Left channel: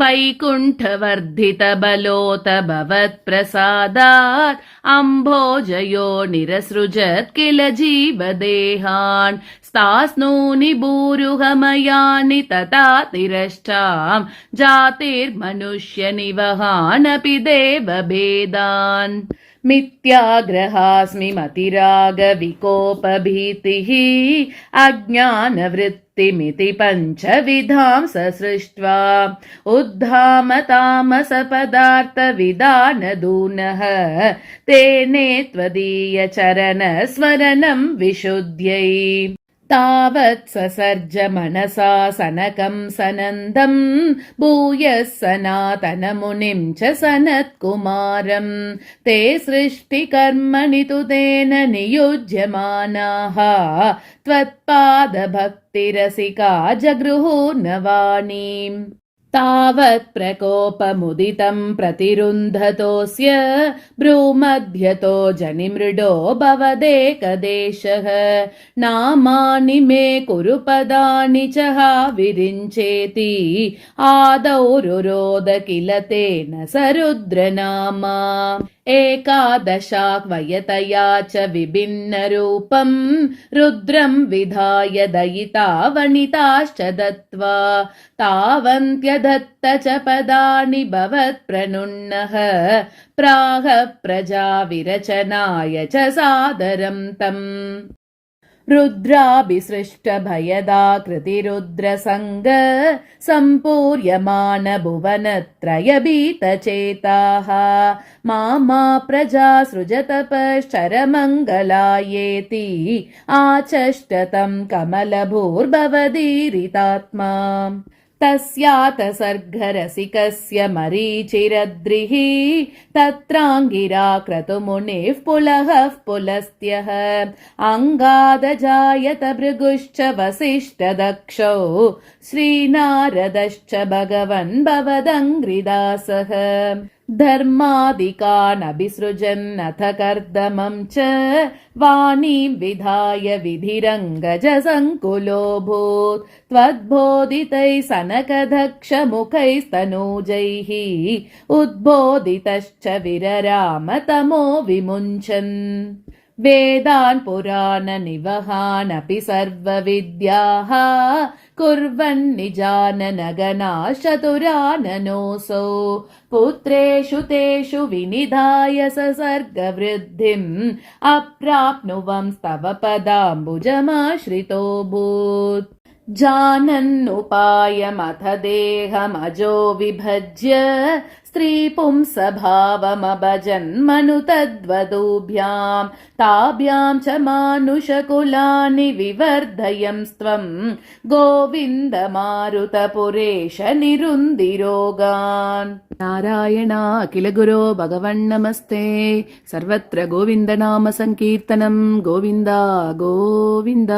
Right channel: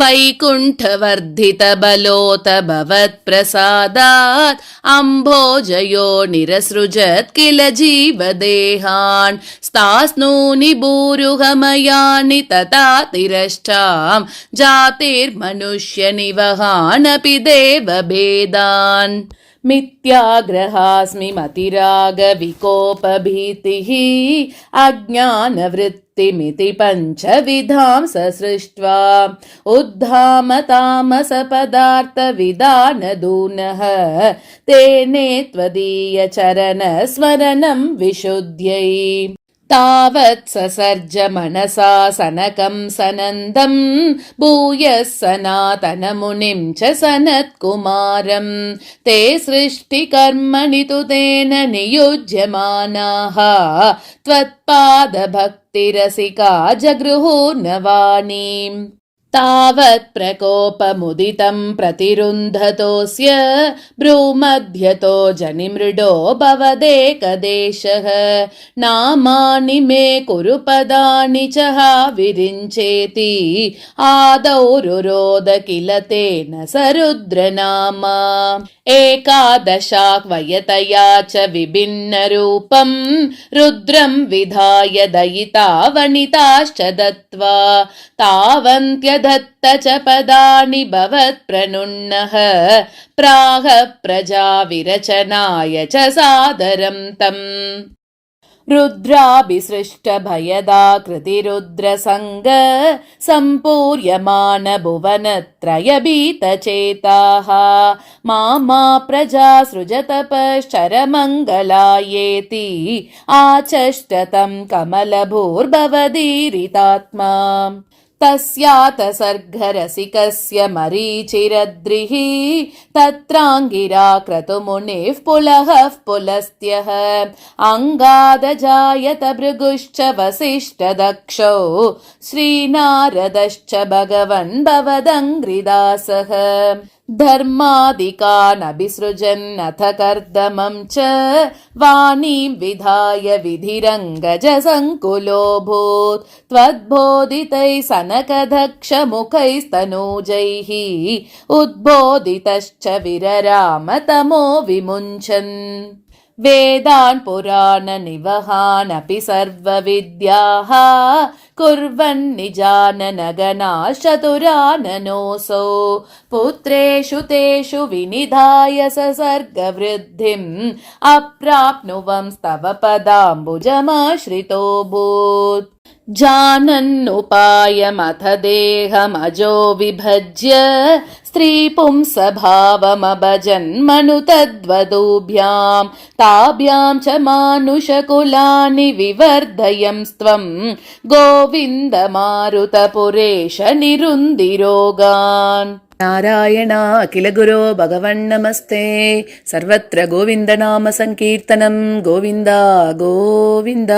वैकुण्ठवर्धितबलोत भवत्प्रसादात् अम्भोजयो निरसृजत् किल जीवदेहान् स्तास्नूनि भूरुहमयानि तथा तिरष्टां जातिर्मनुष्यनिवहानपि देवभेदान् मिथ्याग्रहास्मि मतिरागविकोपभीतिः अज्ञानवृत्तिमिति पञ्चविधां ससृष्ट्वा उद्धाम तामसपदार्थविदानदूनः तेने त्वदीयचरणस्मरणं विशुद्ध्यै तावत् ससर्ज मनसा सनकं सनन्दं भूयः सनातनमुनिं च सनत्कुमारं ते सृष्टिकर्मणि तु तेन नियुज्यमानाः त्वत्पादभक्तिरसिका जगृहूर्नवाणीम् तावत् प्रकोपमुदितं प्रतिरुन्धतोऽस्य भ्रूमध्यतो जनिमृडो भवदेकदेशः नामानि मे कुरु पदानि च हा विरिञ्चेति आदौ रुरोद किल तेन स रुद्रनामा एकादशाह्वयतया च विभिन्नरूपं रुद्रं विधाय दयिता वनिताश्च दत्त्वा तावन्त्यदत्त च पदानि भवत्प्रणुन्नः प्राह प्रजा विरचनाय च सादरं तम् रुद्राभिसृष्टभयदाकृतिरुद्रसङ्ग सम्पूर्यमान भुवनत्रयभीतचेताः मा प्रजा सृजतपश्चरमङ्गलायेति आचष्टतं कमलभूर्भवदीरितात्मा तस्यात सर्गरसिकस्य मरीचिरद्रिः तत्राङ्गिरा क्रतुमुनिः पुलहः पुलस्त्यः अङ्गादजायत भृगुश्च वसिष्ठदक्षौ श्रीनारदश्च भगवन् भवदङ्घ्रिदासः धर्मादिकानभिसृजन्नथ कर्दमं च वाणीं विधाय विधिरङ्गजसङ्कुलोऽभूत् त्वद्बोधितैः सनकदक्षमुखैस्तनूजैः उद्बोधितश्च विरराम तमो विमुञ्चन् वेदान् पुराणनिवहानपि सर्वविद्याः कुर्वन्निजाननगणाश्चतुराननोऽसौ पुत्रेषु तेषु विनिधाय ससर्गवृद्धिम् अप्राप्नुवंस्तव पदाम्बुजमाश्रितोऽभूत् जानन्नुपायमथ देहमजो विभज्य स्त्रीपुंसभावमभजन्मनु तद्वधूभ्यां ताभ्यां च मानुषकुलानि विवर्धयंस्त्वं गोविन्द मारुतपुरेश निरुन्दिरोगान् नारायण अखिल गुरो भगवन्नमस्ते सर्वत्र गोविन्दनाम संकीर्तनं गोविन्द गोविन्द।